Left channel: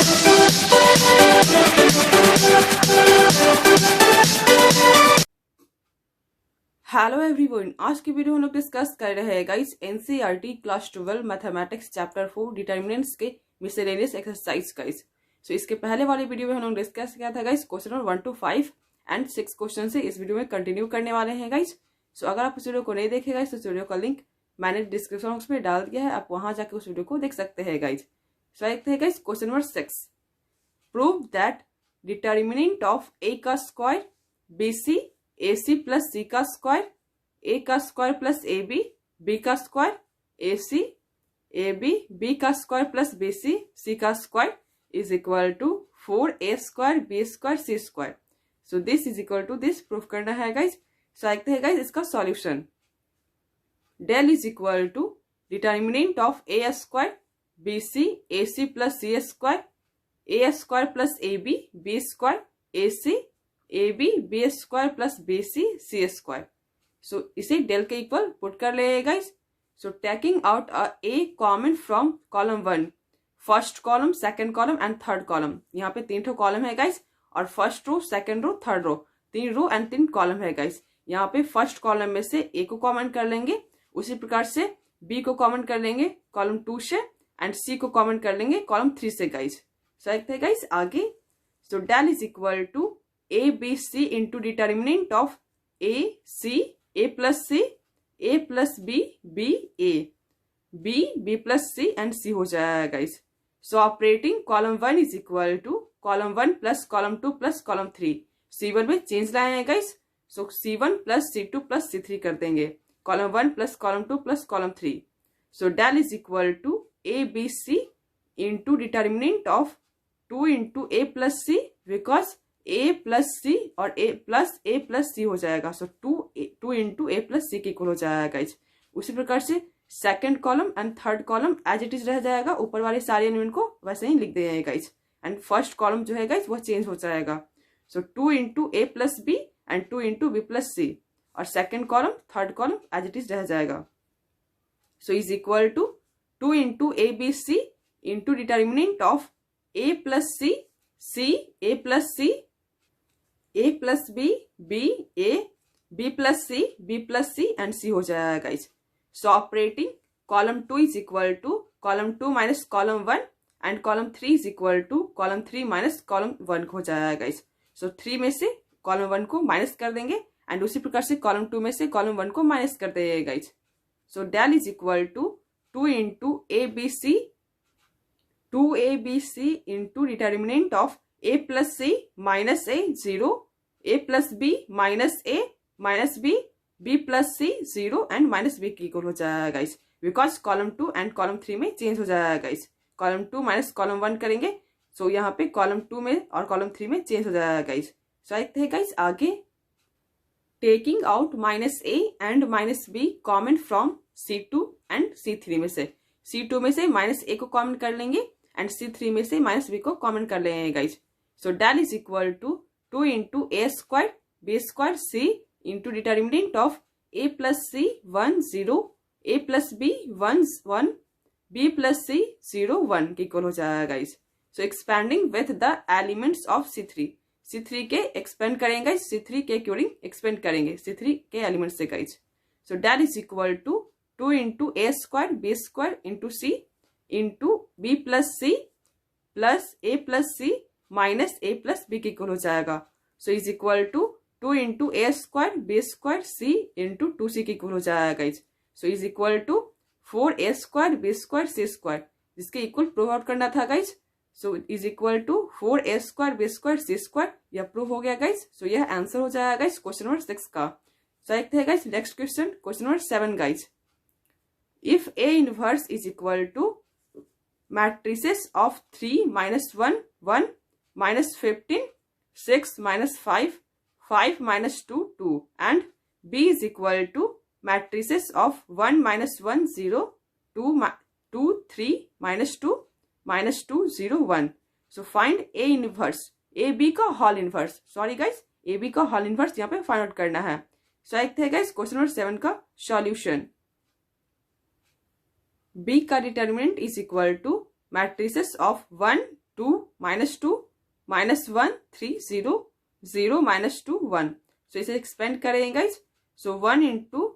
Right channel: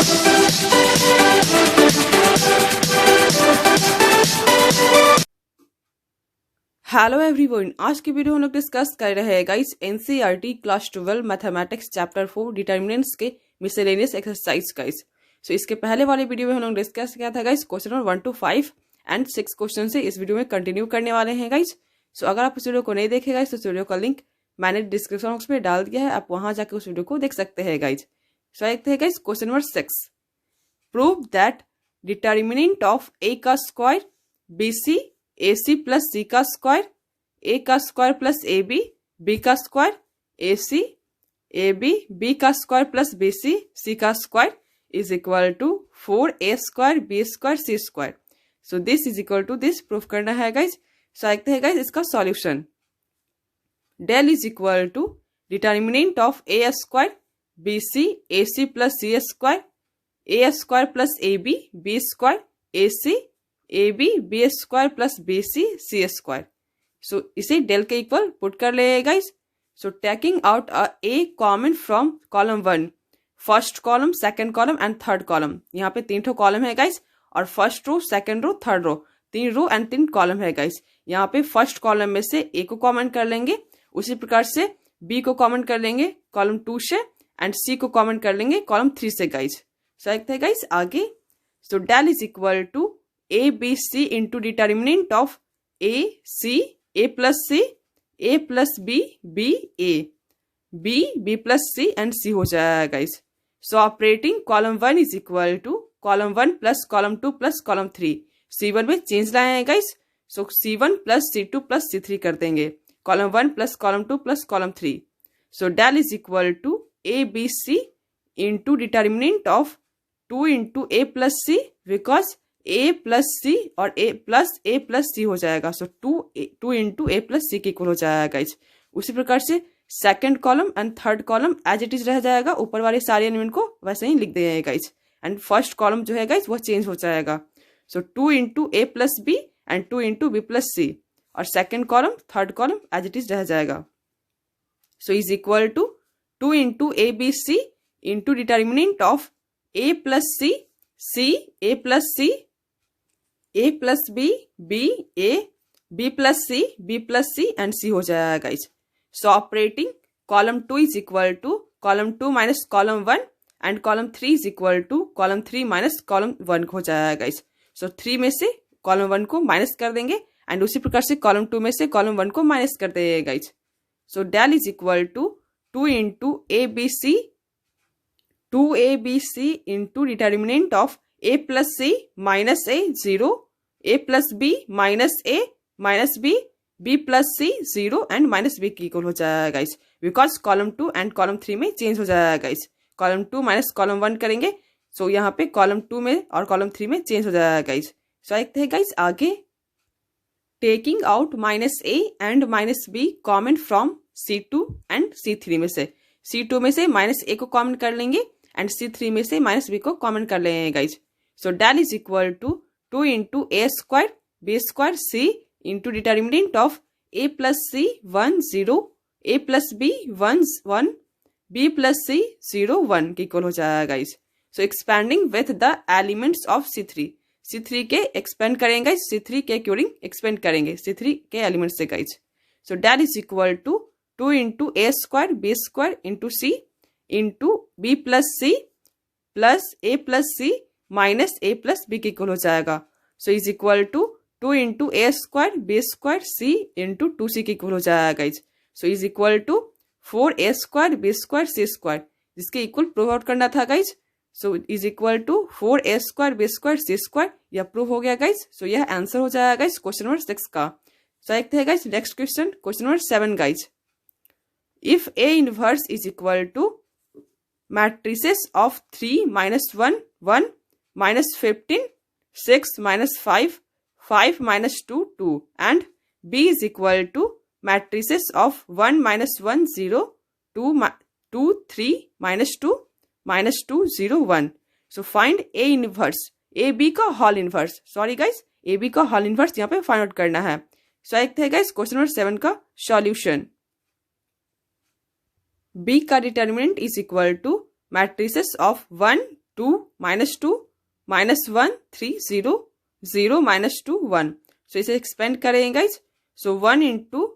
Hello everyone, आज की video हम लोग डिस्कस कर रहे हैं guys NCERT class 12 mathematics chapter 4 determinants के मिसलेनियस एक्सरसाइज गाइस। सो इसके पहले वाली वीडियो में हम लोग डिस्कस किया था guys question number 1 to 5 and 6 question से इस वीडियो में कंटिन्यू करने वाले हैं गाइस। सो अगर आप इस वीडियो को नहीं देखे गाइस तो इस वीडियो का लिंक मैंने डिस्क्रिप्शन बॉक्स में डाल दिया है, आप वहां जाकर उस वीडियो को देख सकते हैं गाइस। सो देखते हैं guys question number 6। Prove that determinant of A का square BC AC plus C का स्क्वायर A का स्क्वायर प्लस AB B का स्क्वायर AC AB B का स्क्वायर प्लस BC C का square is equal to 4A square B square C square. So this is equal to this proof करना है guys. So देखते हैं guys इसका solution. Del is equal to determinant of A square BC AC plus C square A square plus AB B square AC AB B square plus BC C square. So इसे del के equal put कर ले guys. So taking out A common from column 1, first column, second column and third column. यहाँ पे 3 column है guys और first row, second row, third row, 3 row and 3 column है guys. यहाँ पे फर्स्ट कॉलम में से ए को कॉमन कर लेंगे, उसी प्रकार से बी को कॉमन कर लेंगे कॉलम 2 से एंड सी को कॉमन कर लेंगे कॉलम 3 से गाइस। सो देखते हैं गाइस आगे। So del is equal to A B C into determinant of A C A plus C A plus B B A B B plus C and C हो जाएगा guys. So operating column 1 is equal to column 1 plus column 2 plus column 3। C1 में change लाए हैं guys. सो C1 plus C2 plus C3 कर देंगे column 1 plus column 2 plus column 3। So del is equal to A B C into determinant of 2 into A plus C because A plus C और A plus C हो जाएगा। So 2 into A plus C के equal हो जाएगा guys. उसी प्रकार से second column and third column as it is रह जाएगा, ऊपर वाले सारे एलिमेंट को वैसे ही लिख देंगे गाइज। एंड फर्स्ट कॉलम जो है गाइज वह चेंज हो जाएगा। So 2 into A plus B and 2 into B plus C और second column third column as it is रह जाएगा। So is equal to 2 into A B C into determinant of A plus C C A plus C A plus B B A B plus C and C हो जाएगा guys. So operating column 2 is equal to column 2 minus column 1 and column 3 is equal to column 3 minus column 1 हो जाएगा guys. सो 3 में से column 1 को minus कर देंगे and उसी प्रकार से कॉलम 2 में से कॉलम 1 को माइनस कर देंगे guys. So del is equal to 2 into ABC 2ABC into determinant of A plus C minus A 0 A plus B minus A minus B B plus C 0 and minus B की equal हो जाएगा guys because column 2 and column 3 में change हो जाएगा guys. Column 2 minus column 1 करेंगे सो यहाँ पे column 2 में और कॉलम 3 में चेंज हो जाएगा गाइस। सो देखते हैं गाइस आगे। Taking out minus A and minus B common from C2 and C3 में से C2 में से माइनस A को कॉमन कर लेंगे एंड C3 में से माइनस B को कॉमन कर लेंगे guys. So del is equal to 2 into A square B square C into determinant of A plus C 1 0 A plus B 1 1 B plus C 0 1 की equal हो जाएगा guys. So expanding with the elements of C3 के expand करेंगे, C3 के according expand करेंगे C3 के element से guys. So del is equal to 2 into A square B square into C into B plus C plus A plus C minus A plus B की equal हो जाएगा। So is equal to 2 into A square B square C into 2C की equal हो जाएगा guys. So is equal to 4A square B square C square, जिसके equal prove out करना था guys. So is equal to 4A square B square C square, यह prove हो गया guys. सो यह आंसर हो जाएगा गाइज क्वेश्चन नंबर 6 का। सो देखते हैं guys next question, question number 7 guys. If A inverse is equal to matrices of 3 minus 1 1 minus 15 6 minus 5 5 minus 2 2 and B is equal to matrices of 1 minus 1 0 2 3 minus 2 0 1. So find A inverse A B का hall inverse, sorry guys A B का hall inverse यहाँ पे find out करना है। सो देखते हैं guys question number 7 का solution. B का determinant is equal to matrices of 1 2 -2 -1 3 0 0 -2 1। So इसे एक्सपेंड करेंगे guys. So 1 into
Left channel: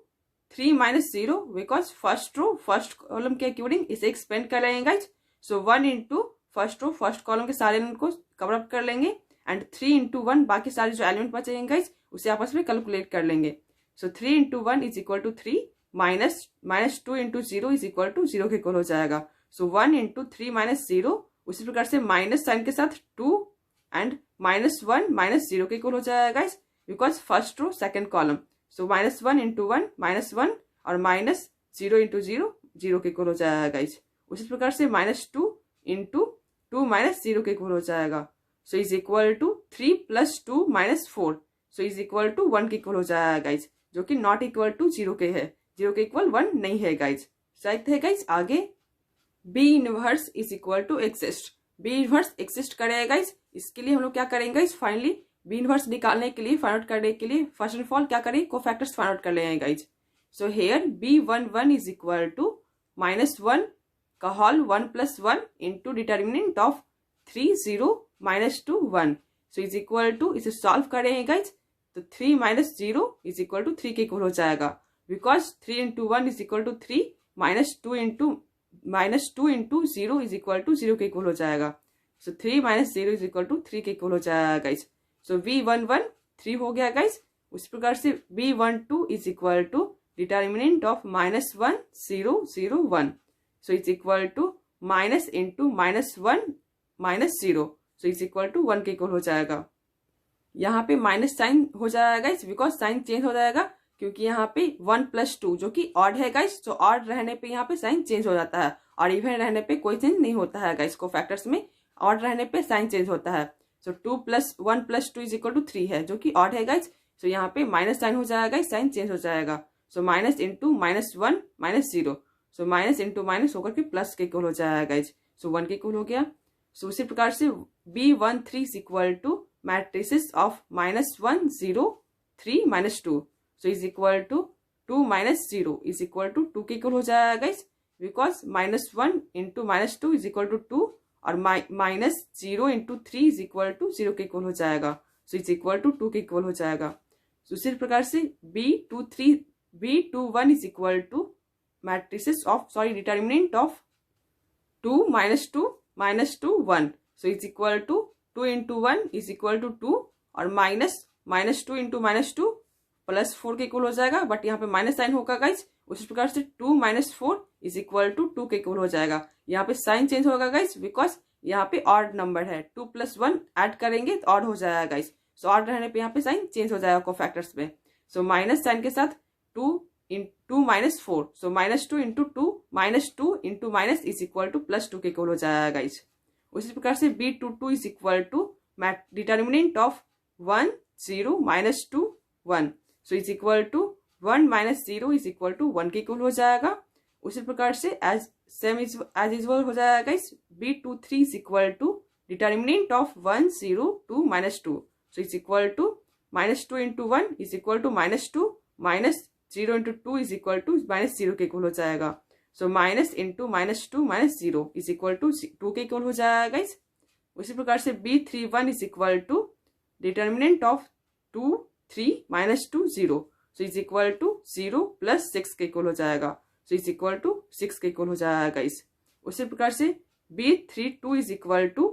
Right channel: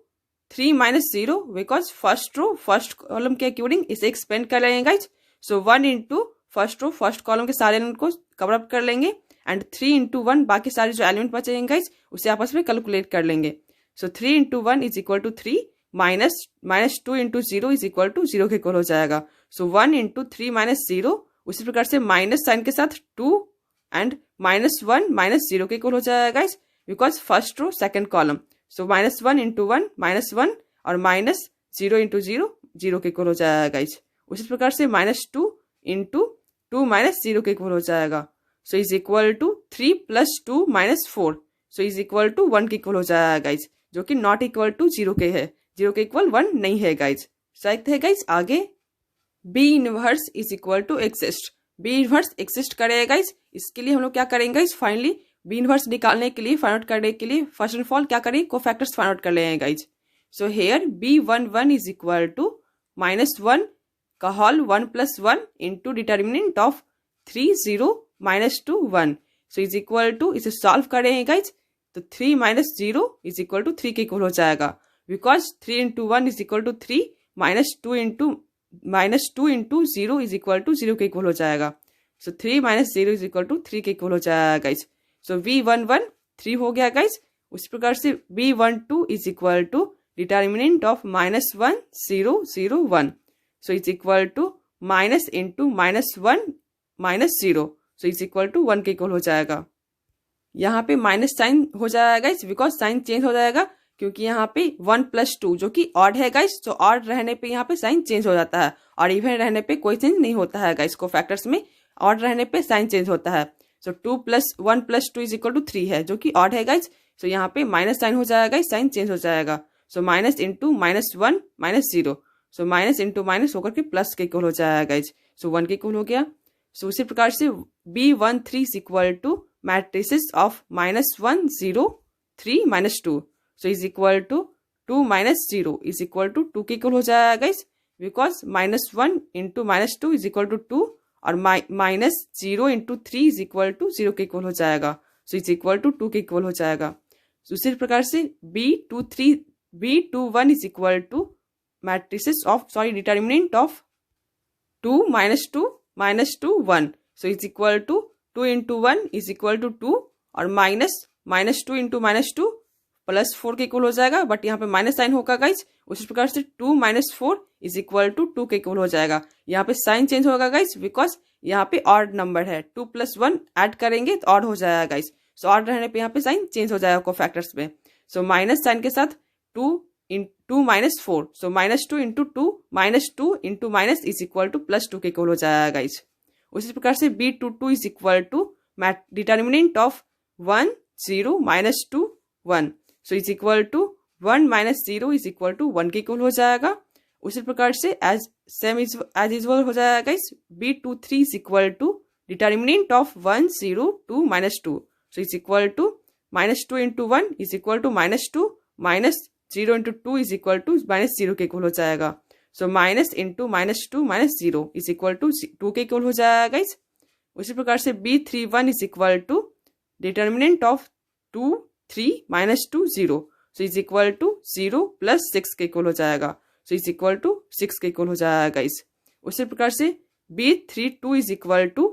3 -0 because first row first column के अकॉर्डिंग इसे एक्सपेंड कर लेंगे guys. So 1 into first row first column के सारे एलिमेंट को कवर अप कर लेंगे एंड 3 इंटू 1 बाकी सारे जो एलिमेंट बचेंगे गाइज उसे आपस में कैलकुलेट कर लेंगे। So 3 into 1 is equal to 3 -2 into 0 is equal to 0 के इक्वल हो जाएगा। सो 1 इंटू 3 -0 उसी प्रकार से माइनस साइन के साथ 2 एंड -1 -0 के इक्वल हो जाएगा guys because first row second column. So -1 into 1 -1 और -0 इंटू 0 0 के इक्वल हो जाएगा गाइज। उसी प्रकार से -2 इंटू 2 -0 के इक्वल हो जाएगा। So is equal to 3 + 2 -4 so is equal to 1 के इक्वल हो जाएगा गाइज जो कि नॉट इक्वल टू 0 के है। 0 के इक्वल 1 नहीं है गाइज। देखते हैं गाइज आगे B inverse is equal to exist. B inverse exist करेगा गाइज। इसके लिए हम लोग क्या करेंगे गाइज, फाइनली बी इनवर्स निकालने के लिए फाइंड आउट करने के लिए फर्स्ट एंड ऑल क्या करेंगे, कोफैक्टर्स फाइंड आउट कर लेंगे guys. So here B11 is equal to -1 का whole 1 + 1 into determinant of 3 0 -2 1 so is equal to, इसे सॉल्व करेंगे गाइज तो 3 - 0 इज इक्वल टू 3 के इक्वल हो जाएगा because 3 into 1 is equal to 3 -2 into 0 is equal to 0 के इक्वल हो जाएगा। सो 3 - 0 इज इक्वल टू 3 के इक्वल हो जाएगा गाइज। सो V11 3 हो गया गाइज। उसी प्रकार से B12 is equal to determinant of -1 0 0 1 so is equal to minus into -1 -0 so is equal to 1 के इक्वल हो जाएगा। यहाँ पे माइनस साइन हो जाएगा गाइज बिकॉज साइन चेंज हो जाएगा क्योंकि यहाँ पे 1 + 2 जो कि ऑड है गाइज। तो ऑड रहने पे यहाँ पे साइन चेंज हो जाता है और इवन रहने पे कोई चेंज नहीं होता है गाइज। को फैक्टर्स में ऑड रहने पे साइन चेंज होता है। सो 2 + 1 + 2 इज इक्वल टू 3 है जो कि ऑड है गाइज। सो यहाँ पे माइनस साइन हो जाएगा गाइज, साइन चेंज हो जाएगा। सो माइनस इंटू -1 -0 सो माइनस इंटू माइनस होकर के प्लस के इक्वल हो जाएगा गाइज। सो 1 के इक्वल हो गया। सो उसी प्रकार से B13 is equal to matrices of -1 0 3 -2 so is equal to 2 - 0 is equal to 2 के इक्वल हो जाएगा guys because -1 into -2 is equal to 2 और -0 इंटू 3 इज इक्वल टू 0 के इक्वल हो जाएगा। सो इज इक्वल टू 2 के इक्वल हो जाएगा। so, उसी प्रकार से B21 is equal to matrices of determinant of 2 -2 -2 1 so is equal to 2 into 1 is equal to 2 और -2 इंटू -2 +4 के इक्वल हो जाएगा बट यहाँ पे माइनस साइन होगा गाइज। उसी प्रकार से 2 - 4 इज इक्वल टू 2 के इक्वल हो जाएगा। यहाँ पे साइन चेंज होगा गाइज बिकॉज यहाँ पे ऑड नंबर है। 2 + 1 ऐड करेंगे तो ऑड हो जाएगा गाइज। सो ऑड रहने पे यहाँ पे साइन चेंज हो जाएगा कोफैक्टर्स में। सो माइनस साइन के साथ 2 -4 so -2 into 2 -2 into minus is equal to +2 के इक्वल हो जाएगा गाइज। उसी प्रकार से B22 is equal to determinant of 1 0 -2 1 so is equal to 1 - 0 is equal to 1 के इक्वल हो जाएगा। उसी प्रकार से एज यूजुअल हो जाएगा guys. B23 is equal to determinant of 1 0 2 -2 so is equal to -2 into 1 is equal to -2 -0 into 2 is equal to -0 के equal हो जाएगा। So minus into -2 -0 is equal to 2 के इक्वल हो जाएगा गाइस। उसी प्रकार से B31 is equal to determinant of 2 3 -2 0 so is equal to 0 + 6 के इक्वल हो जाएगा। सो इज इक्वल टू 6 के इक्वल हो जाएगा गाइस। उसी प्रकार से B32 is equal to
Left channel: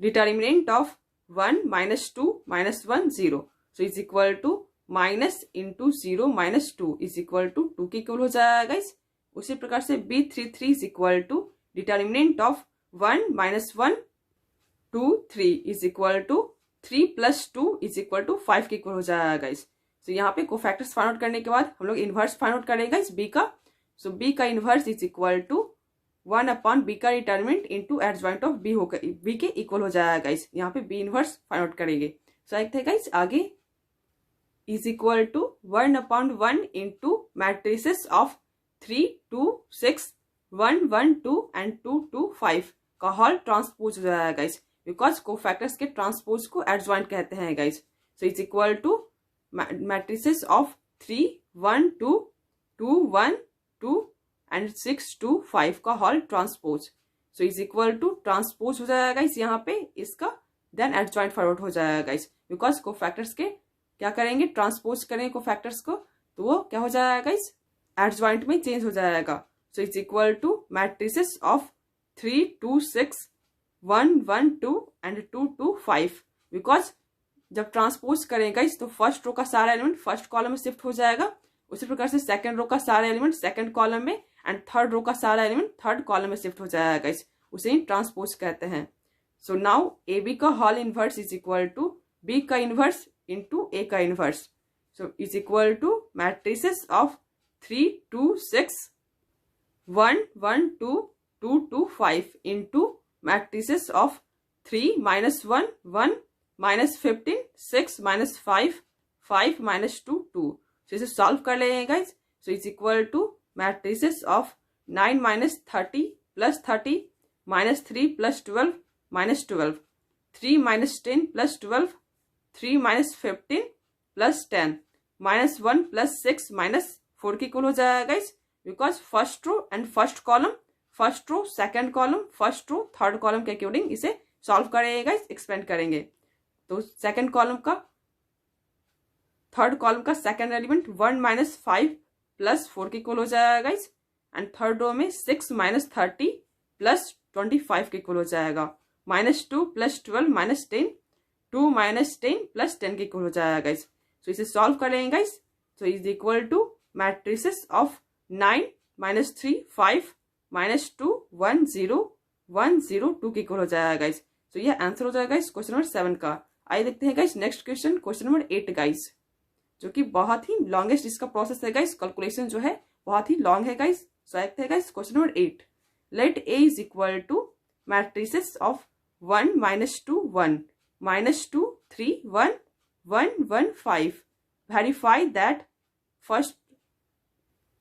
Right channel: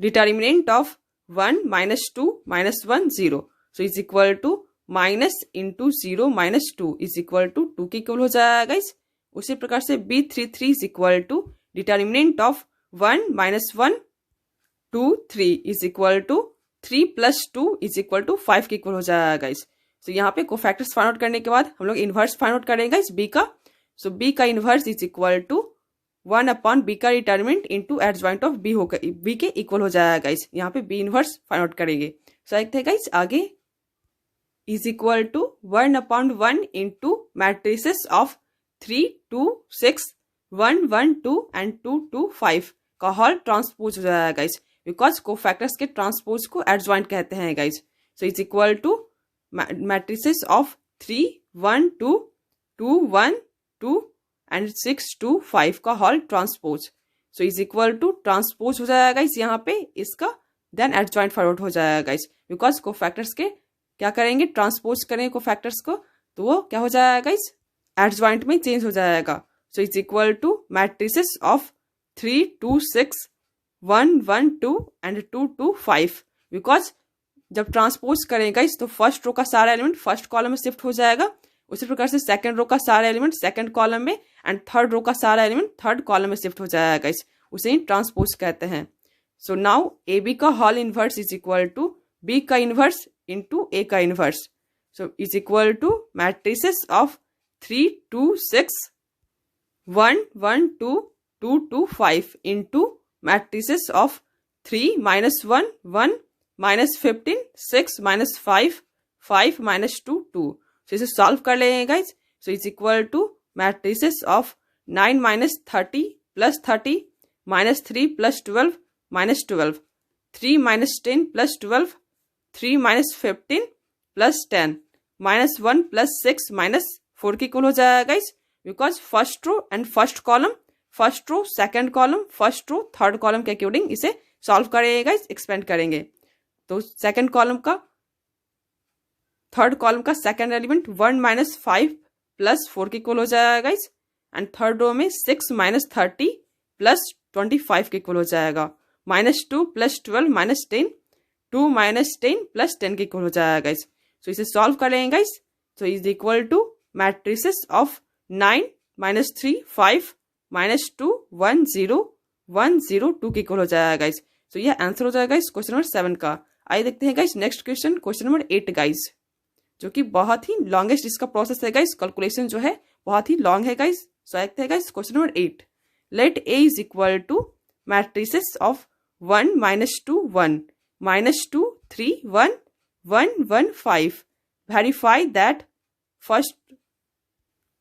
determinant of 1 -2 -1 0 so is equal to minus into 0 -2 is equal to 2 के इक्वल हो जाएगा गाइस। उसी प्रकार से B33 is equal to determinant of 1 -1 2 3 is equal to 3 + 2 is equal to 5 के इक्वल हो जाएगा गाइस। सो यहाँ पे कोफैक्टर्स फाइंड आउट करने के बाद हम लोग इनवर्स फाइंड आउट करेंगे गाइस बी का। सो बी का inverse is equal to 1/b का determinant into adjoint of B होकर बी के इक्वल हो जाएगा गाइस। यहाँ पे बी इनवर्स फाइंड आउट करेंगे। सो देखते हैं गाइस आगे is equal to 1/1 into matrices of 3 2 6 1 1 2 and 2 2 5 का होल ट्रांसपोज हो जाएगा गाइस बिकॉज कोफैक्टर्स के ट्रांसपोज को एडजॉइंट कहते हैं guys. So is equal to matrices of 3 1 2 2 1 2 and 6 2 5 का whole transpose. So is equal to transpose हो जाएगा गाइस यहाँ पे इसका, देन एडजॉइंट फॉरवर्ड हो जाएगा गाइस, बिकॉज कोफैक्टर्स के क्या करेंगे, ट्रांसपोज करेंगे कोफैक्टर्स को, तो वो क्या हो जाएगा गाइस, एडजॉइंट में चेंज हो जाएगा। So is equal to matrices of 3 2 6 1 1 2 and 2 2 5, because जब ट्रांसपोज करेंगे गाइस तो फर्स्ट रो का सारा एलिमेंट फर्स्ट कॉलम में शिफ्ट हो जाएगा, उसी प्रकार से सेकंड रो का सारा एलिमेंट सेकंड कॉलम में एंड थर्ड रो का सारा एलिमेंट थर्ड कॉलम में शिफ्ट हो जाएगा गाइस, उसे ही ट्रांसपोज कहते हैं। सो नाउ ए बी का whole inverse is equal to B का इनवर्स इंटू ए का inverse, so is equal to matrices of 3 2 6 1 1 2 2 2 5 into matrices of 3 -1 1 -15 6 -5 5 -2 2। So इसे सॉल्व कर लेंगे guys. So is equal to matrices of 9 -30 + 30 -3 + 12 -12 3 -10 + 12 3 -15 + 10 -1 + 6 -4 के equal हो जाएगा guys, because first row and first column, first row second column, first row third column के according इसे solve करेंगे guys, expand करेंगे। तो सेकंड कॉलम का थर्ड कॉलम का सेकंड एलिमेंट 1 - 5 + 4 के इक्वल हो जाएगा गाइज, एंड थर्ड रो में 6 -30 + 25 के इक्वल हो जाएगा, -2 + 12 -10 2 -10 + 10 के इक्वल हो जाएगा गाइज। सो इसे सॉल्व कर लेंगे guys. So is equal to matrices of 9 -3 5 -2 1 0 1 0 2 के इक्वल हो जाएगा गाइज। सो यह आंसर हो जाएगा गाइज क्वेश्चन नंबर 7 का। आइए देखते हैं guys next question, question number 8 guys, जो कि बहुत ही लॉन्गेस्ट इसका प्रोसेस है गाइज, कैलकुलेशन जो है बहुत ही लॉन्ग है गाइज। सो देखते हैं guys question number 8, let A is equal to matrices of 1 -2 1 -2 3 1 1 1 5, verify that. First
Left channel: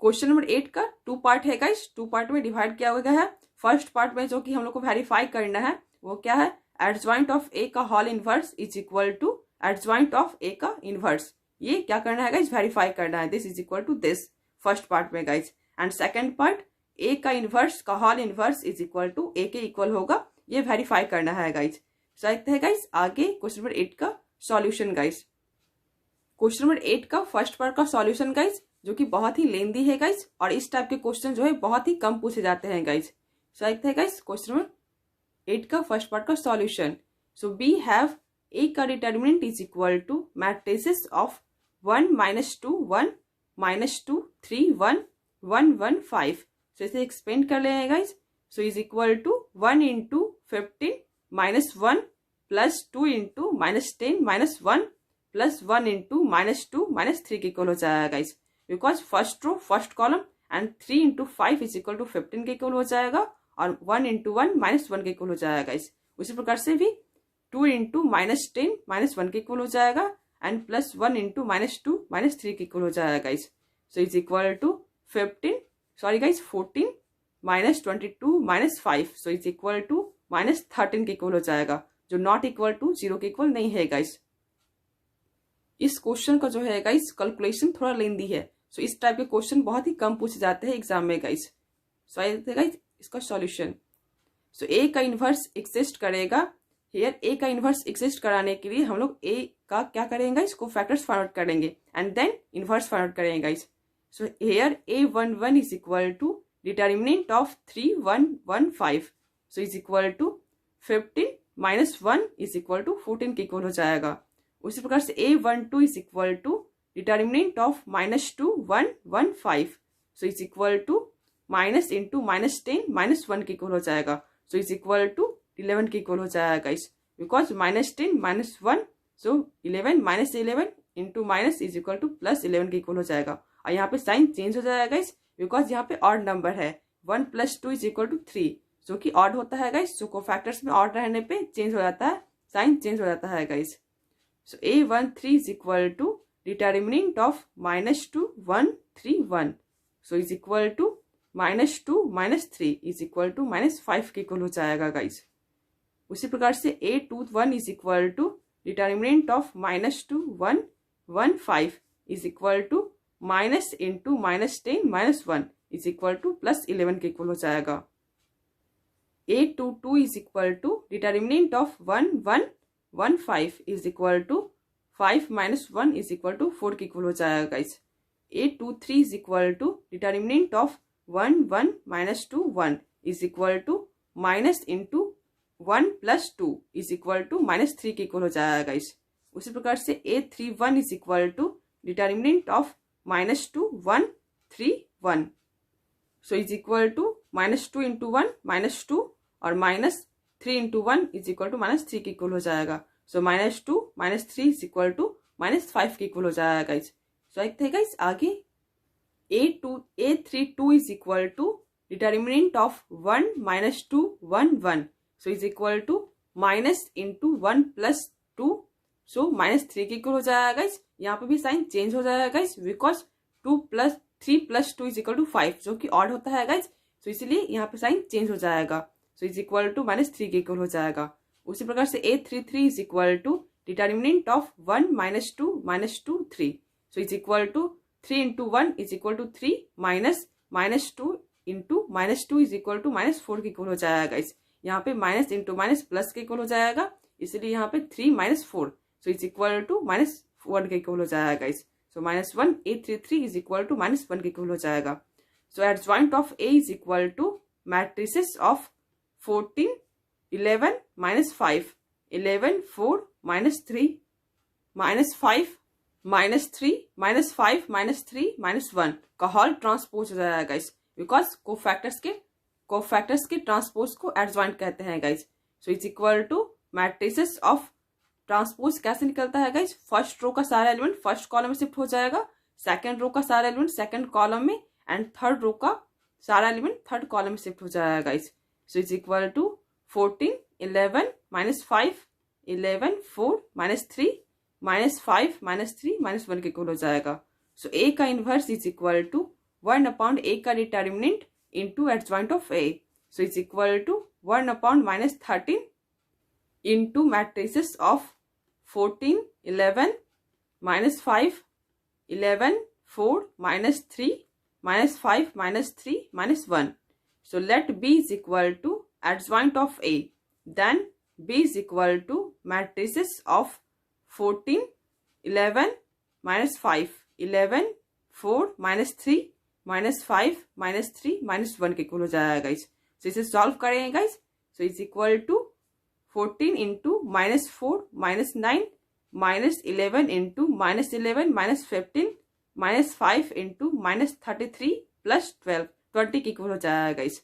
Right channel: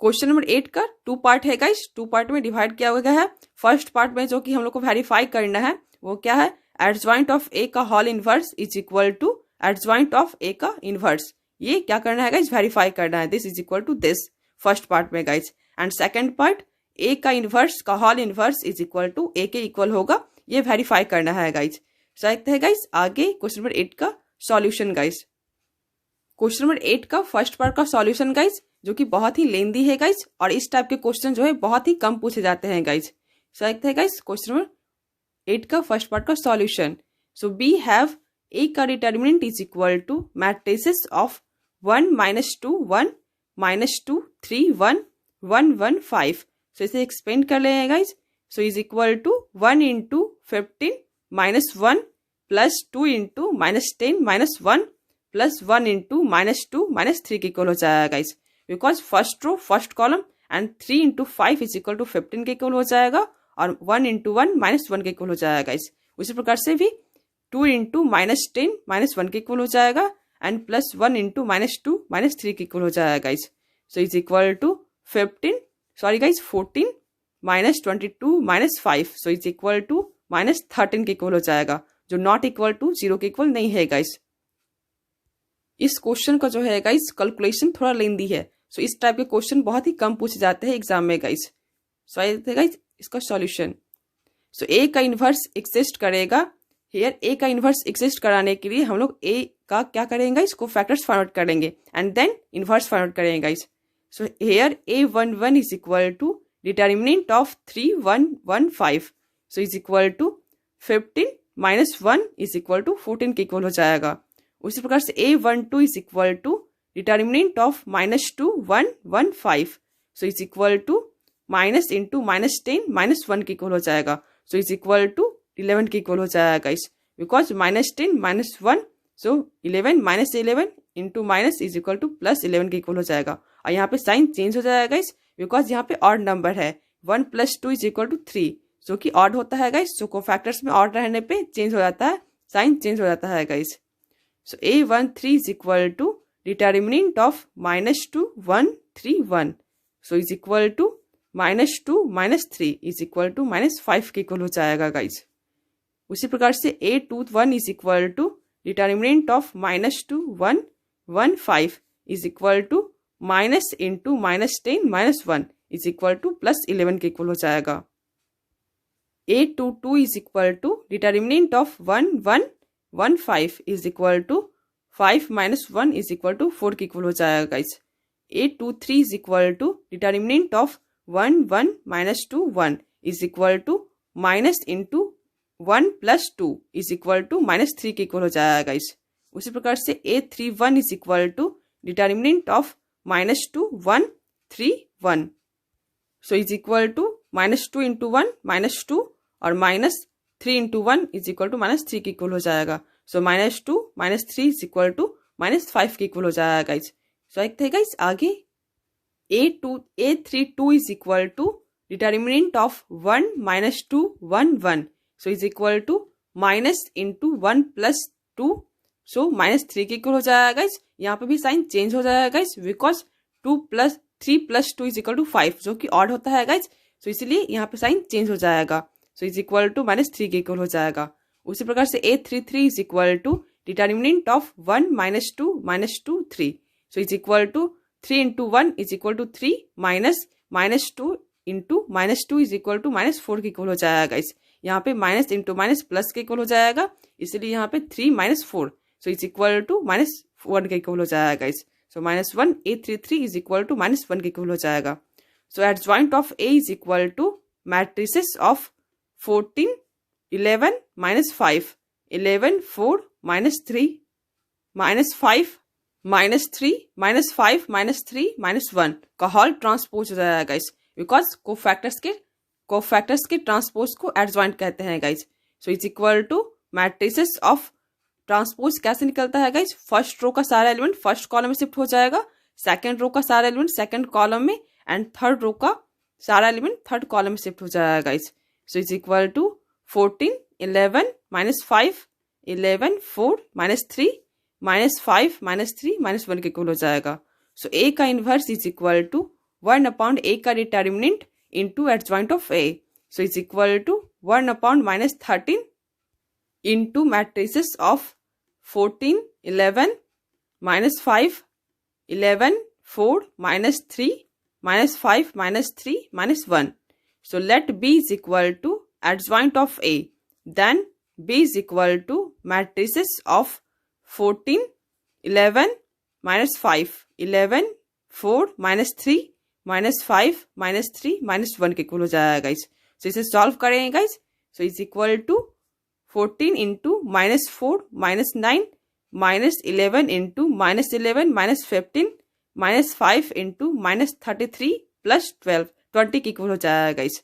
question number 8 का 2 पार्ट है गाइज, 2 पार्ट में डिवाइड किया गया है। फर्स्ट पार्ट में जो कि हम लोग को वेरीफाई करना है वो क्या है, एडजॉइंट ऑफ ए का whole inverse is equal to adjoint of A का इनवर्स, ये क्या करना है गाइज, वेरीफाई करना है। This is equal to this first part में guys, and second part A का इनवर्स का whole inverse is equal to A के इक्वल होगा, ये वेरीफाई करना है गाइज। सो देखते हैं गाइज आगे क्वेश्चन नंबर 8 का सॉल्यूशन गाइज। क्वेश्चन नंबर 8 का फर्स्ट पार्ट का सॉल्यूशन गाइज, जो कि बहुत ही लेंदी है गाइज, और इस टाइप के क्वेश्चन जो है बहुत ही कम पूछे जाते हैं गाइज। सो देखते हैं गाइज क्वेश्चन नंबर 8 का फर्स्ट पार्ट का solution. So we have A का determinant is equal to matrices of 1 -2 1 -2 3 1 1 1 5। So इसे एक्सपेंड कर लेंगे guys. So is equal to 1 × 15 -1 + 2 × -10 -1 + 1 × -2 -3 के इक्वल हो जाएगा guys, because first row first column and 3 × 5 is equal to 15 के equal हो जाएगा, और 1 × 1 -1 के इक्वल हो जाएगा गाइज। उसी प्रकार से भी 2 × -10 -1 के इक्वल हो जाएगा, एंड +1 × -2 -3 के इक्वल हो जाएगा guys. So is equal to 14 -22 -5, so is equal to -13 के इक्वल हो जाएगा, जो नॉट इक्वल टू 0 के इक्वल नहीं है गाइज। इस क्वेश्चन का जो है गाइज कैलकुलेशन थोड़ा लेंदी है, सो इस टाइप के क्वेश्चन बहुत ही कम पूछे जाते हैं एग्जाम में गाइज। सो आइए देखते हैं गाइज इसका सॉल्यूशन। सो ए का इन्वर्स एग्जिस्ट करेगा, हियर ए का इन्वर्स एग्जिस्ट कराने के लिए हम लोग ए का क्या करेंगे, इसको फैक्टर्स फाइंड आउट करेंगे and then inverse find out करेंगे guys. So here A11 is equal to determinant of 3 1 1 5, so is equal to 15 -1 is equal to 14 के इक्वल हो जाएगा। उसी प्रकार से A12 is equal to determinant of -2 1 1 5, so is equal to -10 -1 के equal हो जाएगा, सो इज इक्वल टू 11 के इक्वल हो जाएगा guys, because -10 -1, so 11 -11 into minus is equal to +11 के इक्वल हो जाएगा। और यहाँ पे साइन चेंज हो जाएगा गाइस, बिकॉज यहाँ पे ऑड नंबर है, 1 + 2 इज इक्वल टू 3, जो कि ऑड होता है गाइस। सो कोफैक्टर्स में ऑड रहने पे चेंज हो जाता है, साइन चेंज हो जाता है guys. So A13 is equal to determinant of -2 1 3 1, so is equal to -2 -3 is equal to -5 के इक्वल हो जाएगा गाइस। उसी प्रकार से A21 is equal to determinant of -2 1 1 5 is equal to -10 -10 -1 is equal to +11 के इक्वल हो जाएगा। A22 is equal to determinant of 1115 is equal to 5 minus 1 is equal to 4 के इक्वल हो जाएगा guys. A23 is equal to determinant of 1 minus 2 1 is equal to minus into 1 plus 2 is equal to minus 3 के equal हो जाएगा guys. उसी प्रकार से A31 is equal to determinant of minus 2 1 3 1 so is equal to minus 2 into 1 minus 2 और minus 3 into 1 is equal to minus 3 के equal हो जाएगा। So minus 2 minus 3 is equal to minus 5 के इक्वल हो जाएगा गाइस। सो देखते हैं guys आगे A32 is equal to determinant of 1 minus 2 1 1 so is equal to minus into 1 plus 2 so minus 3 के इक्वल हो जाएगा गाइस। यहाँ पे भी साइन चेंज हो जाएगा guys because 3 plus 2 is equal to 5 जो कि ऑड होता है गाइस। सो इसलिए यहाँ पे साइन चेंज हो जाएगा। So is equal to minus 3 के इक्वल हो जाएगा। उसी प्रकार से A33 is equal to determinant of 1 minus 2 3 so is equal to 3 into 1 is equal to 3 minus 2 into minus 2 is equal to minus 4 के इक्वल हो जाएगा गाइस। यहाँ पे माइनस इंटू माइनस प्लस के इक्वल हो जाएगा, इसलिए यहाँ पे 3 minus 4 so is equal to minus 1 के इक्वल हो जाएगा guys. So minus 1 A33 is equal to minus 1 के इक्वल हो जाएगा। So adjoint of A is equal to matrices of 14 11 minus 5 11 4 minus 3 minus 5 minus 3 minus 5 minus 3 minus 1 का whole transpose हो जाएगा guys because cofactors के transpose को adjoint कहते हैं guys. So is equal to matrices of transpose कैसे निकलता है गाइस, फर्स्ट रो का सारा एलिमेंट फर्स्ट कॉलम में शिफ्ट हो जाएगा, सेकंड रो का सारा एलिमेंट सेकंड कॉलम में एंड थर्ड रो का सारा एलिमेंट थर्ड कॉलम में शिफ्ट हो जाएगा guys. So is equal to 14 11 minus 5 11 4 minus 3 minus 5 minus 3 minus 1 के इक्वल हो जाएगा। सो A का inverse is equal to 1 upon A का determinant into adjoint of A। So is equal to 1 upon minus 13 into matrices of 14 11 minus 5 11 4 minus 3 minus 5 minus 3 minus 1। So let B is equal to adjoint of A. Then B is equal to matrices of 14 11 minus 5 11 4 minus 3 minus 5 minus 3 minus 1 के equal हो जाएगा guys. सो इसे solve करेंगे guys. So is equal to 14 into minus 4 minus 9 minus 11 into minus 11 minus 15 minus 5 into minus 33 plus 20 के equal हो जाएगा guys.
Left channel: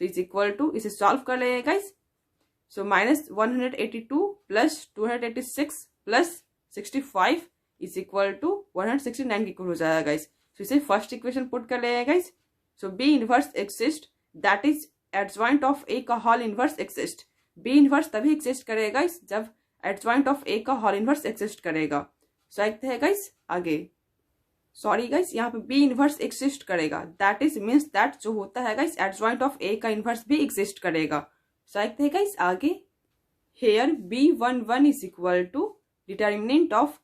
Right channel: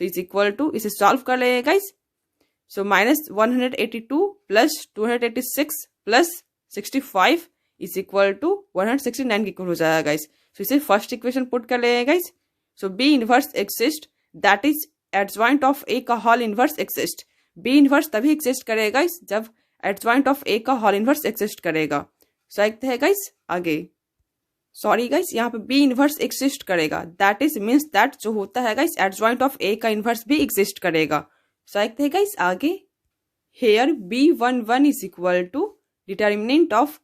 So is equal to इसे solve कर लेंगे guys. So minus 182 plus 286 plus 65 is equal to 169 के equal हो जाएगा guys. सो इसे फर्स्ट इक्वेशन पुट कर लेंगे guys. So B inverse exist that is adjoint of A का whole inverse exist. B inverse तभी एक्सिस्ट करेगा गाइस जब एडजॉइंट ऑफ ए का होल इनवर्स एक्सिस्ट करेगा। सो देखते हैं गाइस आगे। सॉरी गाइस, यहाँ पे बी इनवर्स एक्सिस्ट करेगा दैट इज मीन्स दैट जो होता है गाइस एडजॉइंट ऑफ ए का इनवर्स भी एक्सिस्ट करेगा। सो देखते हैं गाइस आगे। Here B11 is equal to determinant of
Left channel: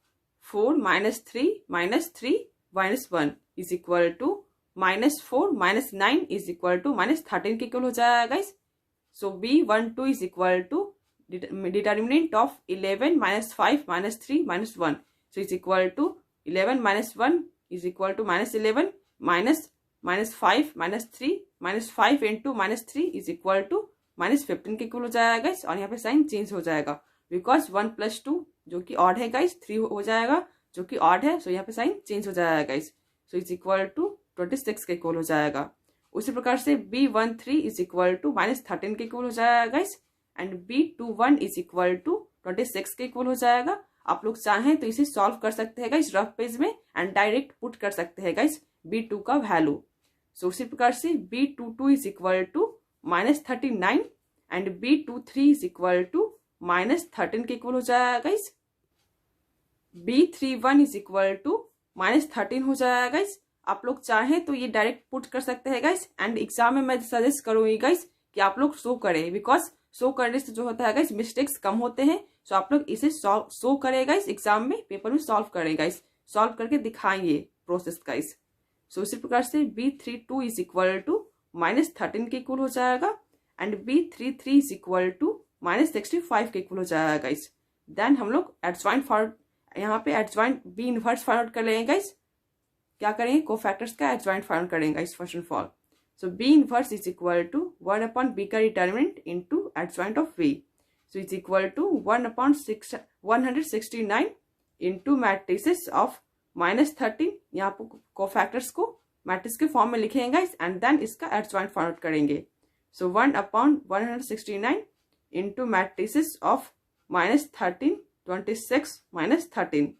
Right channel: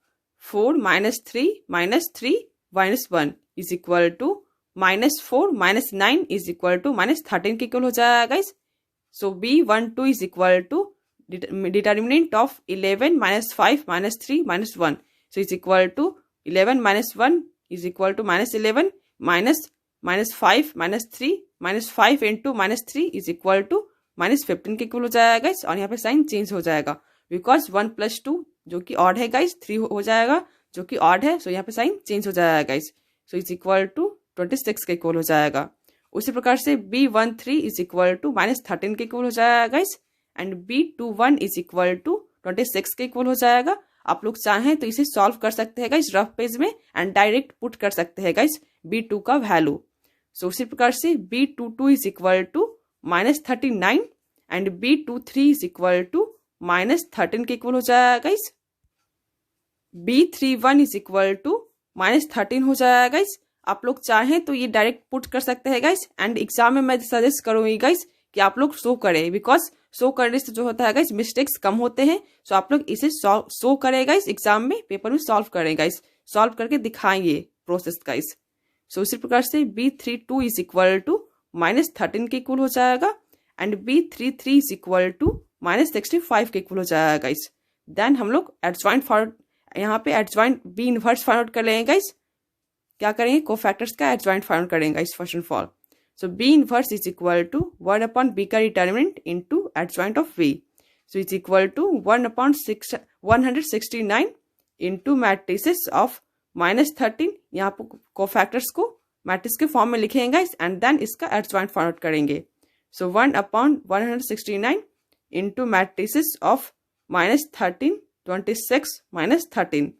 4 minus 3 minus 3 minus 1 is equal to minus 4 minus 9 is equal to minus 13 के इक्वल हो जाएगा guys. So B12 is equal to determinant of 11 minus 5 minus 3 minus 1 so is equal to 11 minus 1 is equal to minus 11 minus 5 minus 3 minus 5 into minus 3 is equal to minus 15 के equal हो जाएगा guys. और यहाँ पे sign change हो जाएगा because 1 plus 2 जो कि ऑड है गाइस 3 हो जाएगा जो कि ऑड है। सो यहाँ पे साइन चेंज हो जाएगा guys. So is equal to 26 के इक्वल हो जाएगा। उसी प्रकार से B13 is equal to minus 13 के इक्वल हो जाएगा guys and B21 is equal to 26 के इक्वल हो जाएगा। आप लोग चाहें तो इसे सॉल्व कर सकते हैं गाइस रफ पेज में एंड डायरेक्ट पुट कर सकते हैं गाइस B2 का वैल्यू। सो उसी प्रकार से B22 is equal to minus 39 and B23 is equal to minus 13 के इक्वल हो जाएगा guys. B31 is equal to minus 13 हो जाएगा गाइस। आप लोग चाहें तो ये डायरेक्ट पुट कर सकते हैं गाइस एंड एग्जाम में मैं सजेस्ट करूंगी गाइस कि आप लोग शो करें बिकॉज शो करने से जो होता है गाइस मिस्टेक्स कम होते हैं। सो आप लोग इसे शो करें गाइस एग्जाम में पेपर में सॉल्व करें गाइस, सॉल्व करके दिखाएंगे प्रोसेस गाइस। सो उसी प्रकार से B32 is equal to minus 13 के इक्वल हो जाएगा and B33 is equal to -65 के इक्वल हो जाएगा गाइस। देन हम लोग एडजॉइंट फॉरवर्ड, यहाँ पे एडजॉइंट बी इनवर्स फॉरवर्ड कर लेंगे गाइस। क्या करेंगे, कोफैक्टर्स का एडजॉइंट फाइंड करेंगे guys first and all. So B inverse is equal to 1/b का determinant into adjoint of B, so is equal to 1/169 into matrices of -13। यहाँ पर cofactors को मैट्रिक्स के फॉर्म में लिखेंगे गाइस एंड देन इसका adjoint find करेंगे। सो 1/169 into matrices of -13, 26 -13,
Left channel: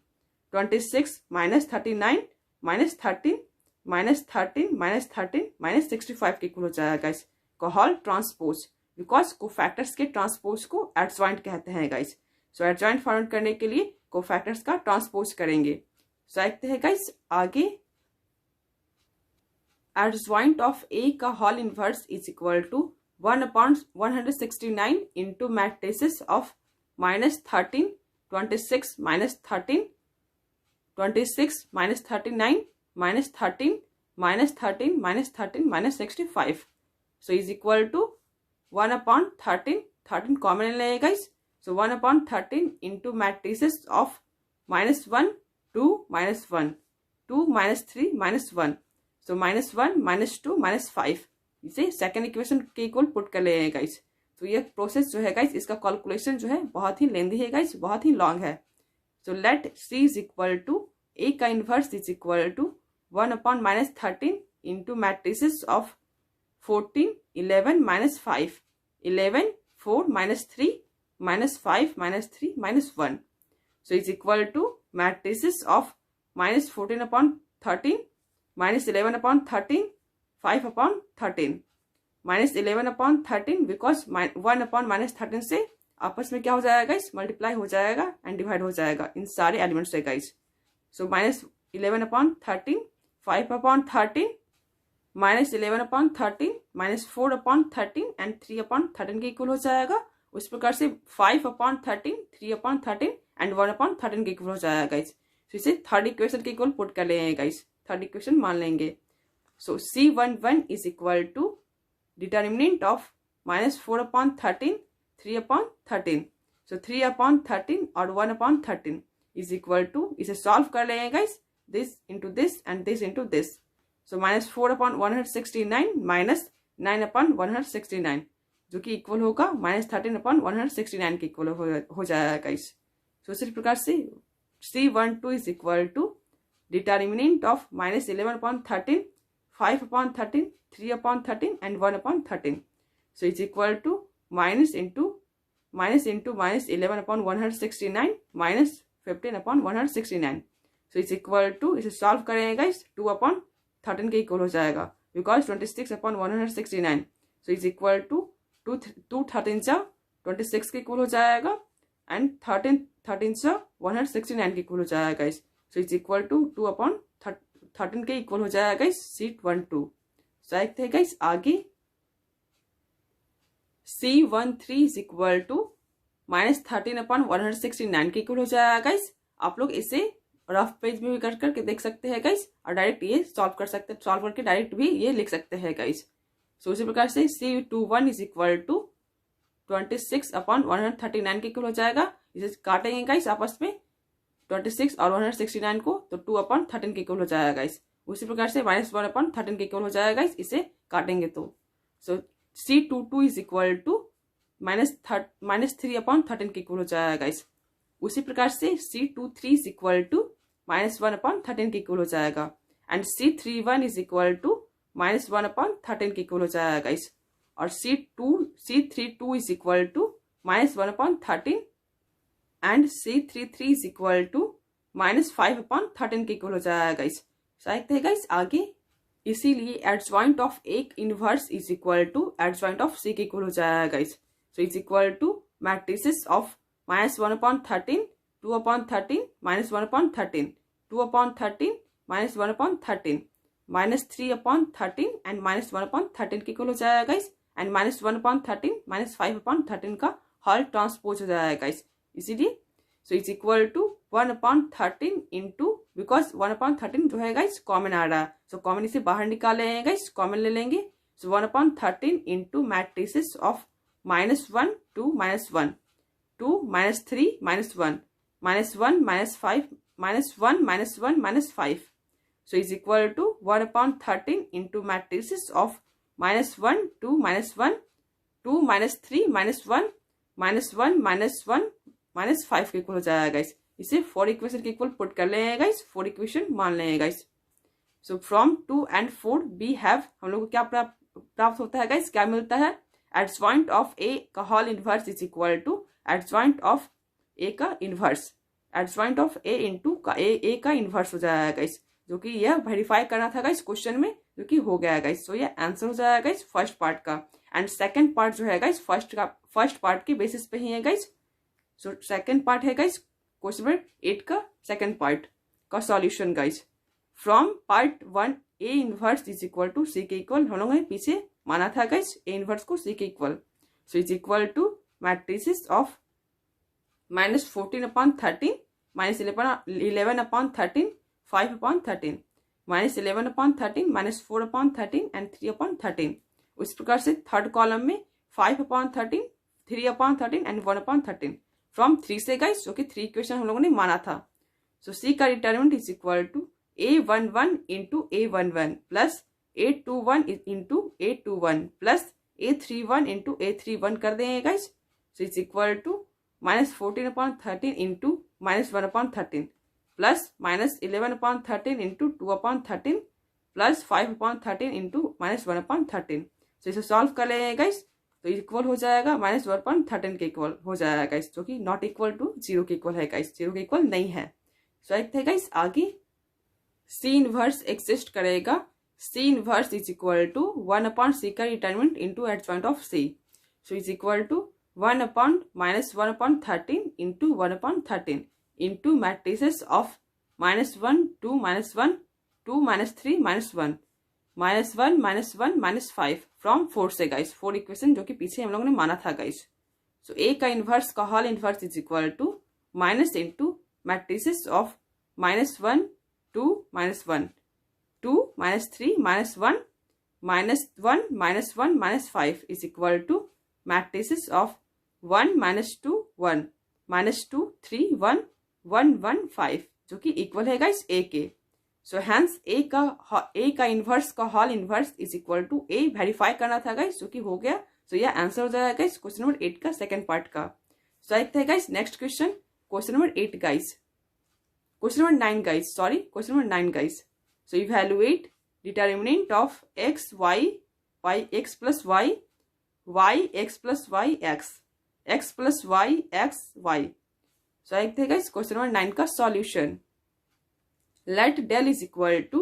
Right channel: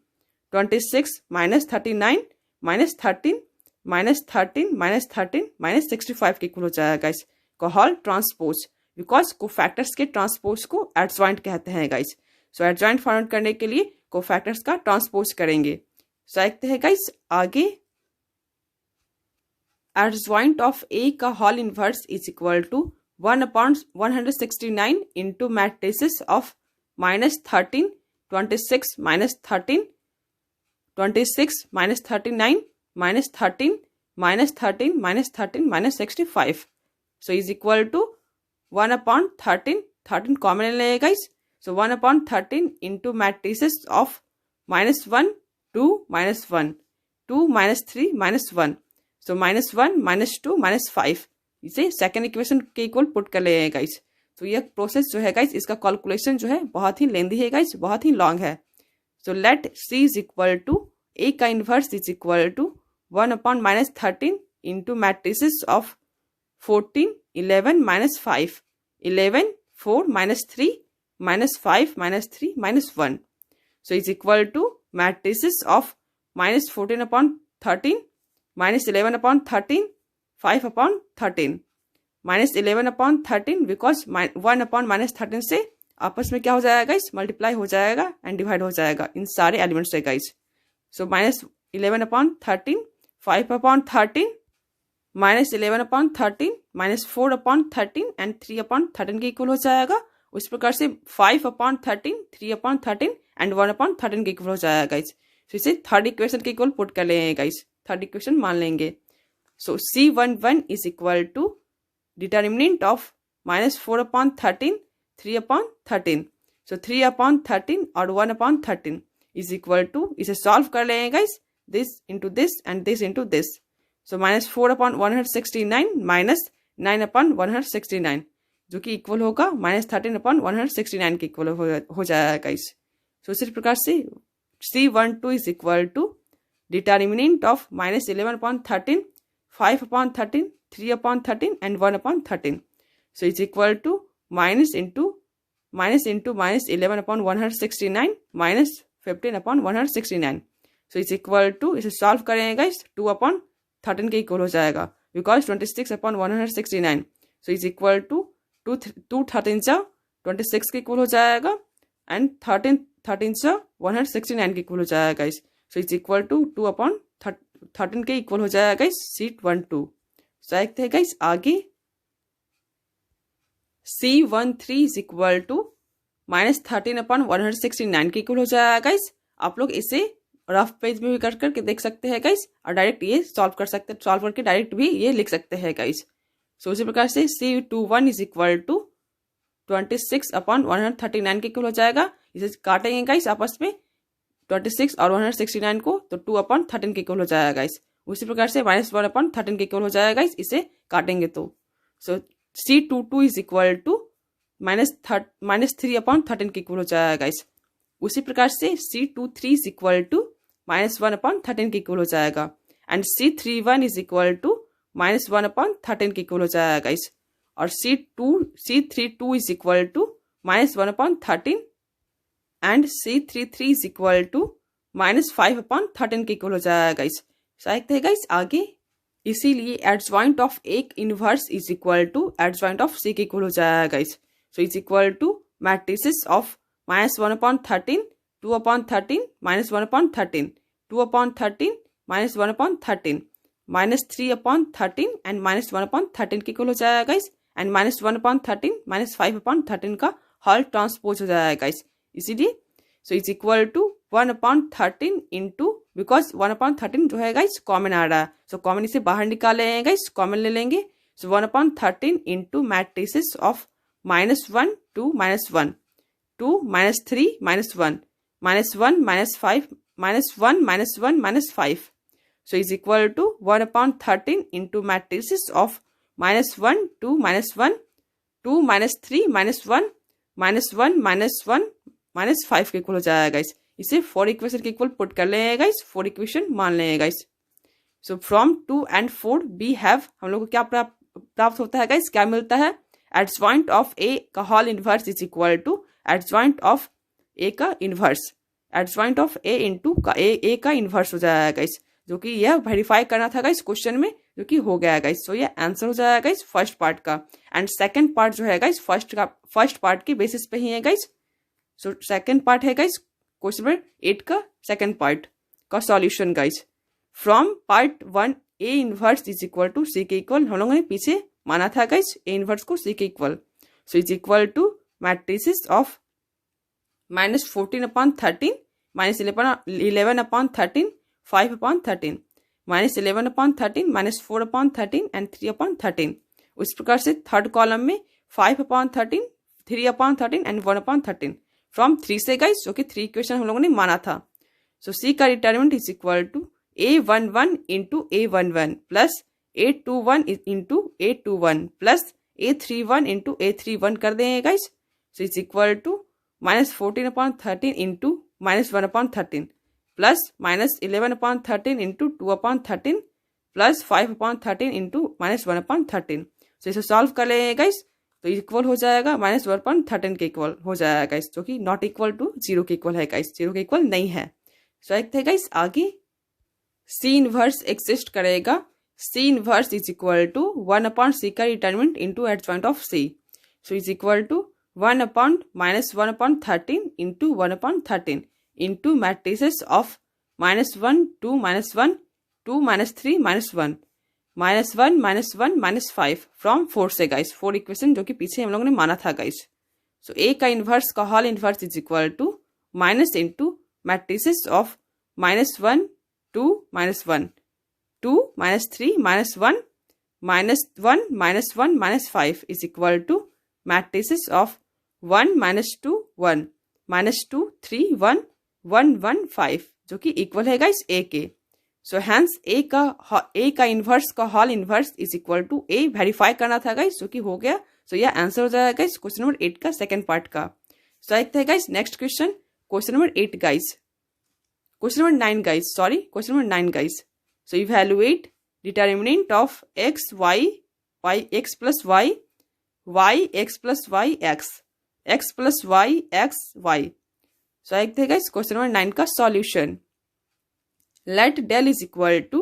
26 -39 -13 -13 -13 -65 के इक्वल हो जाएगा गाइस। कोहॉल ट्रांसपोज, बिकॉज कोफैक्टर्स के ट्रांसपोज को एडजॉइंट कहते हैं गाइस। सो एडजॉइंट फाइंड करने के लिए कोफैक्टर्स का ट्रांसपोज करेंगे। सो देखते हैं गाइस आगे, एडजॉइंट ऑफ ए का whole inverse is equal to 1/169 into matrices of -13, 26 -13, 26 -39 -13 -13 -13 -65, so is equal to 1/13, 13 common लेंगे guys. So 1/13 into matrices of -1 2 -1 2 -3 -1, सो -1 -2 -5, इसे सेकेंड इक्वेशन के इक्वल पुट कर लेंगे गाइस। तो यह प्रोसेस जो है गाइस, इसका कैलकुलेशन जो है बहुत ही लेंदी है गाइस, बहुत ही लॉन्ग है। So let C is equal to A का inverse is equal to 1/13 into matrices of 14 11 -5 11 4 -3 -5 -3 -1, so is equal to matrices of -14/13 -11/13 5/13 -11/13, because 1/-13 से आपस में क्या हो जाएगा गाइस, मल्टीप्लाई हो जाएगा एंड डिवाइड हो जाएगा इन सारे एलिमेंट्स से गाइस। सो -11/13 5/13 -11/13 -4/13 एंड 3/13 के इक्वल हो जाएगा। उस प्रकार से 5/13 3/13 एंड 1/13 के इक्वल हो जाएगा गाइस। तो इसे थर्ड इक्वेशन के इक्वल पुट कर लेंगे गाइस, थर्ड इक्वेशन मान लेंगे। So C11 is equal to determinant of -4/13 3/13, so 3/13 और 1/13 इज इक्वल टू, इसे सॉल्व कर लेंगे guys, this into this and this into this. So -4/169 -9/169, जो कि इक्वल होगा -13/169 के इक्वल हो जाएगा गाइस। सो इसी प्रकार से C12 is equal to determinant of -11/13 5/13 3/13 and 1/13, so is equal to minus into -11/169 -15/169, so is equal to, इसे सॉल्व करेंगे गाइस 2/13 के इक्वल हो जाएगा, because 26/169, so is equal to 2 13 26 के इक्वल हो जाएगा एंड 13 169 के इक्वल हो जाएगा guys. So is equal to 2/13 के इक्वल हो जाएगा गाइस C12। सो देखते हैं गाइस आगे, C13 इज इक्वल टू -13/169 के इक्वल हो जाएगा गाइस। आप लोग इसे रफ पेज में भी कर करके देख सकते हैं गाइस, और डायरेक्ट ये सॉल्व करके डायरेक्ट भी ये लिख सकते हैं गाइस। सो इसी प्रकार से C21 इज इक्वल टू 26/139 के इक्वल हो जाएगा। इसे काटेंगे गाइस आपस में 26 और 169 को, तो 2/13 के इक्वल हो जाएगा गाइस। उसी प्रकार से -1/13 के इक्वल हो जाएगा गाइस, इसे काटेंगे तो। सो C22 इज इक्वल टू -3/13 के इक्वल हो जाएगा गाइस। उसी प्रकार से C23 इज इक्वल टू -1/13 के इक्वल हो जाएगा and C31 is equal to -1/13 के इक्वल हो जाएगा गाइस। और C32 is equal to -1/13 and C33 is equal to -5/13 के इक्वल हो जाएगा गाइस। देखते हैं गाइस आगे, इसीलिए एडजॉइंट ऑफ एक inverse is equal to adjoint of C के इक्वल हो जाएगा guys. So is equal to matrices of -1/13 2/13 -1/13 2/13 -1/13 -3/13 and -1/13 के इक्वल हो जाएगा गाइस एंड -1/13 -5/13 का होल ट्रांसपोज हो जाएगा गाइस। इसीलिए so is equal to 1/13 into, because 1/13 जो है गाइस कॉमन आ रहा है, सो कॉमन इसे बाहर निकाल लेंगे गाइस, कॉमन ले लेंगे। So 1/13 into matrices of -1, 2, -1, 2, -3, -1, -1, -5, -1, -1, -5. So is equal to 1/13 into matrices of -1, 2, -1, 2, -3, -1, -1, -1, -5 के इक्वल हो जाएगा गाइस। इसे 4 इक्वेशन के इक्वल पुट कर लेंगे गाइस, 4 इक्वेशन मान लेंगे guys. So from 2 and 4 we have, हम लोग को क्या प्राप्त होता है गाइस, क्या मिलता है, एडजॉइंट ऑफ ए का whole inverse is equal to adjoint of A का inverse, adjoint of A into का ए का इनवर्स हो जाएगा गाइस, जो कि यह वेरीफाई करना था गाइस क्वेश्चन में, जो कि हो गया गाइस। सो यह आंसर हो जाएगा गाइस फर्स्ट पार्ट का। एंड सेकंड पार्ट जो है गाइस फर्स्ट पार्ट के बेसिस पे ही है गाइस। सो सेकंड पार्ट है गाइस क्वेश्चन नंबर 8 का सेकंड पार्ट का solution guys. From part 1 A inverse is equal to C के इक्वल, हम लोगों ने पीछे माना था गाइस ए इनवर्स को सी के equal. So is equal to matrices of -14/13, -11/13, 5/13, -11/13, -4/13 and 3/13। उस प्रकार से थर्ड कॉलम में 5/13, 3/13 एंड 1/13 फ्रॉम 3 से गाइस, जो कि 3 इक्वेशन हम लोगों ने माना था। सो सी का determinant is equal to A11 into A11 plus A21 into A21 plus A31 into A31 कर देंगे guys. So is equal to -14/13 into -1/13 plus -11/13 into 2/13 plus 5/13 into -1/13। So इसे सॉल्व कर लेंगे गाइस, तो इक्वल हो जाएगा -1/13 के इक्वल हो जाएगा गाइस, जो कि नॉट इक्वल टू 0 के इक्वल है गाइस, 0 के इक्वल नहीं है। सो एक थे गाइस आगे सी इनवर्स एग्जिस्ट करेगा। C inverse is equal to 1/c का determinant into adjoint of C. So is equal to 1/-1/13 into 1/13 into matrices of -1, 2, -1, 2, -3, -1, -1, -1, -5 from 4 से गाइस, 4 इक्वेशन जो कि पीछे हम लोगों ने माना था गाइस। सो ए का इनवर्स का whole inverse is equal to minus into matrices of -1, 2, -1, 2, -3, -1, -1, -1, -5 is equal to matrices of 1, -2, 1, -2, 3, 1, 1, 1, 5 जो कि इक्वल है गाइस ए के। सो हैंस ए का इनवर्स का whole inverse is equal to A verify करना था गाइस, जो कि हो गया। सो यह आंसर हो जाएगा गाइस क्वेश्चन नंबर 8 का सेकंड पार्ट का। सो देखते हैं guys next question, question number 8 guys, question number 9 guys, sorry question number 9 guys. So evaluate determinant of x y y x plus y y x plus y x x plus y x y। So देखते हैं guys question number 9 का solution. Let del is equal to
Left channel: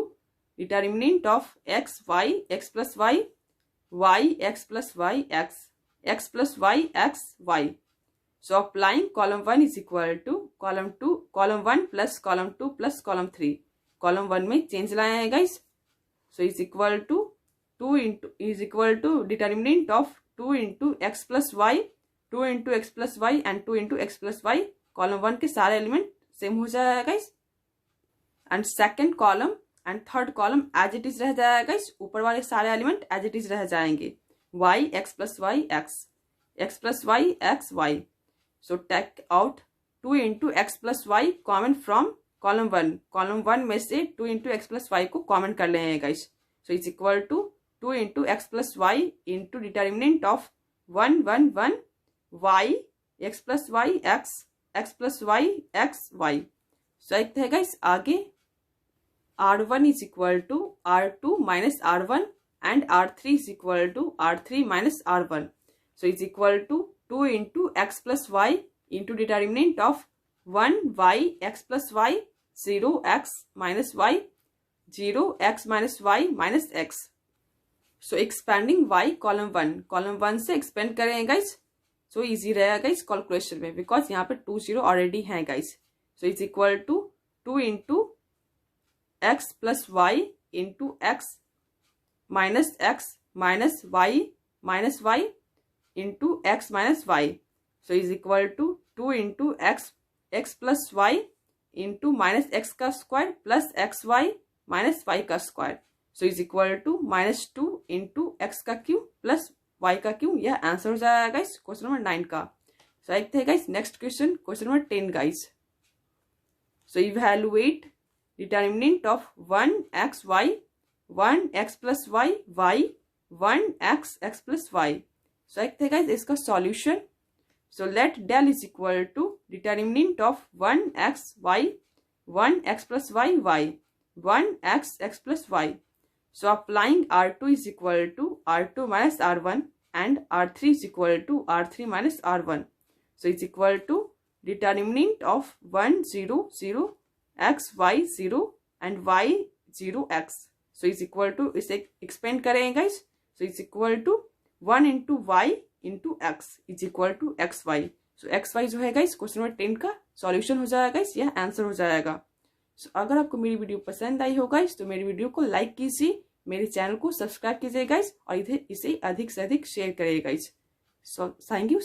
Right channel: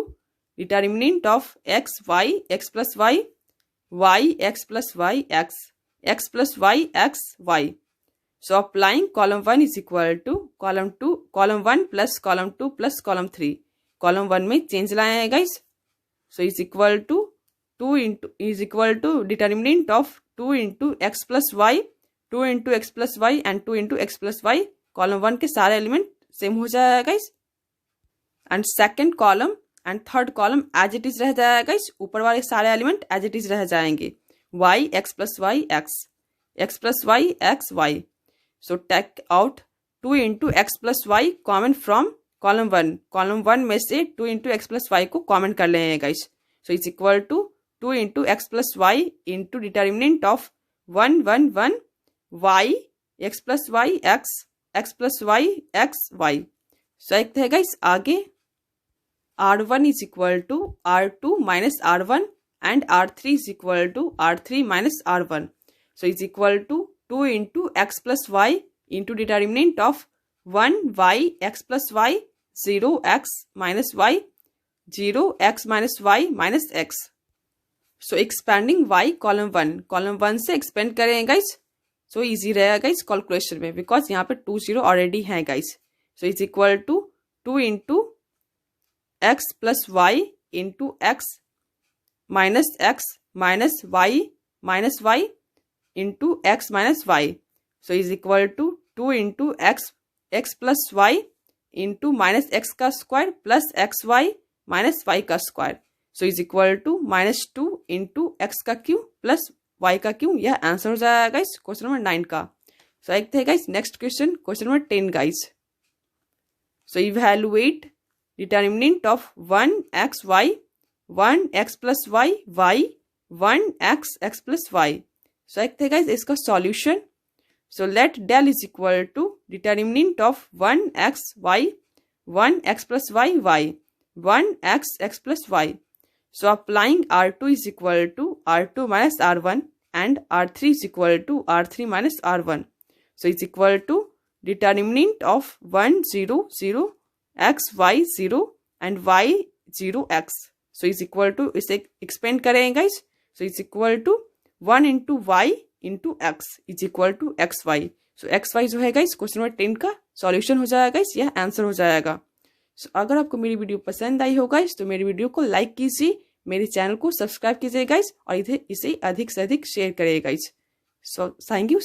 determinant of x y x plus y y x plus y x x plus y x y। So applying column 1 is equal to column 1 plus column 2 plus column 3। column 1 में change लाए हैं guys. So is equal to 2 into is equal to determinant of 2 into x plus y, 2 into x plus y and 2 into x plus y। column 1 के सारे element same हो जाएगा guys, and second column and third column as it is रह जाएगा guys, ऊपर वाले सारे element as it is रह जाएंगे। y x plus y x x plus y x y। So take out 2 into x plus y common from column 1। Column 1 में से 2 into x plus y को कॉमन कर लेंगे guys. So is equal to 2 into x plus y into determinant of 1, 1, 1 y x plus y x x plus y x y। सो एक है guys आगे r1 is equal to r2 minus r1 and r3 is equal to r3 minus r1। So is equal to 2 into x plus y into determinant of 1 y x plus y 0 x minus y 0 x minus y minus x। So expanding y column 1 से expand करेंगे guys. So easy रहेगा guys calculation में, because यहाँ पे 2 0 already है guys. So is equal to 2 into x plus y into x minus y into x minus y। So is equal to 2 into x plus y into minus x का square plus xy minus y का square. So is equal to -2 into x का cube plus y का cube. यह answer हो जाएगा guys question number 9 का। सो देखते हैं guys next question, question number 10 guys. So evaluate determinant of 1xy 1x plus y y 1x plus y. So देखते हैं गाइस इसका solution. So let del is equal to determinant of 1xy 1x plus y y 1x plus y. So applying R2 is equal to R2 minus R1 and R3 is equal to R3 minus R1. So it's equal to determinant of 1 0 0 x y 0 and y 0 x. So it's equal to, इसे expand करेंगे guys. So it's equal to 1 into y into x is equal to xy. So xy जो है guys question number 10 का solution हो जाएगा guys, यह answer हो जाएगा। So, अगर आपको मेरी वीडियो पसंद आई हो गाइस तो मेरी वीडियो को लाइक कीजिए, मेरे चैनल को सब्सक्राइब कीजिए गाइस और इसे अधिक से अधिक शेयर करिए गाइस। So thank you.